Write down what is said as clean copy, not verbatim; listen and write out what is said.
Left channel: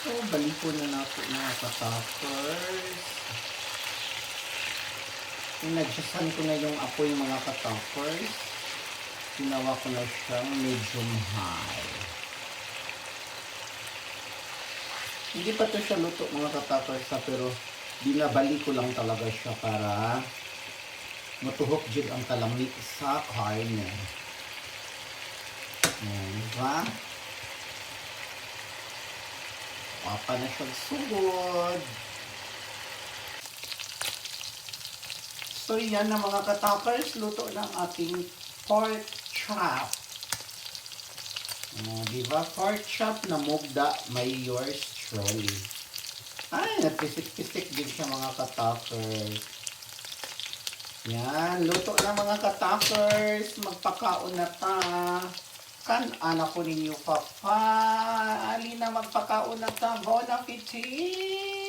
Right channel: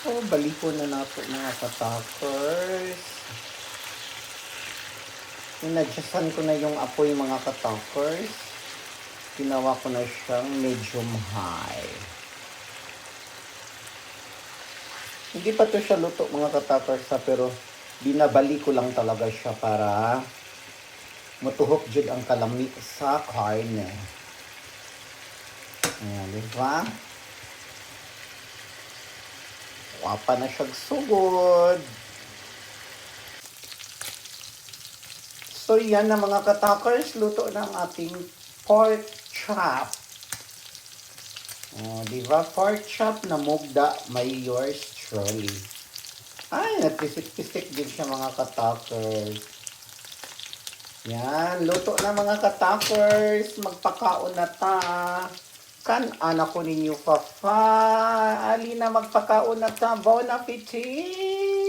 So, baliko na nato mga katakers. Inadjustan ko na yung apoy mga katakers. Ginawa ko na siyang medium high. Hindi pa to siya luto mga katakers ha, pero binabali ko lang talaga siya para matuhok jud ang kalami sa karne. Ayan, diba? Wapa na siya sugod. So yan na mga katakers, luto na ang ating pork chop. Diba? Pork chop na mugda, may yours truly. Ay, nagpisik-pisik din siya mga katakers. Yan, luto na mga katakers. Magpakaon na ta. Kan anak ko ninyo papa. Ali na magpakaon na ta. Bon appetit!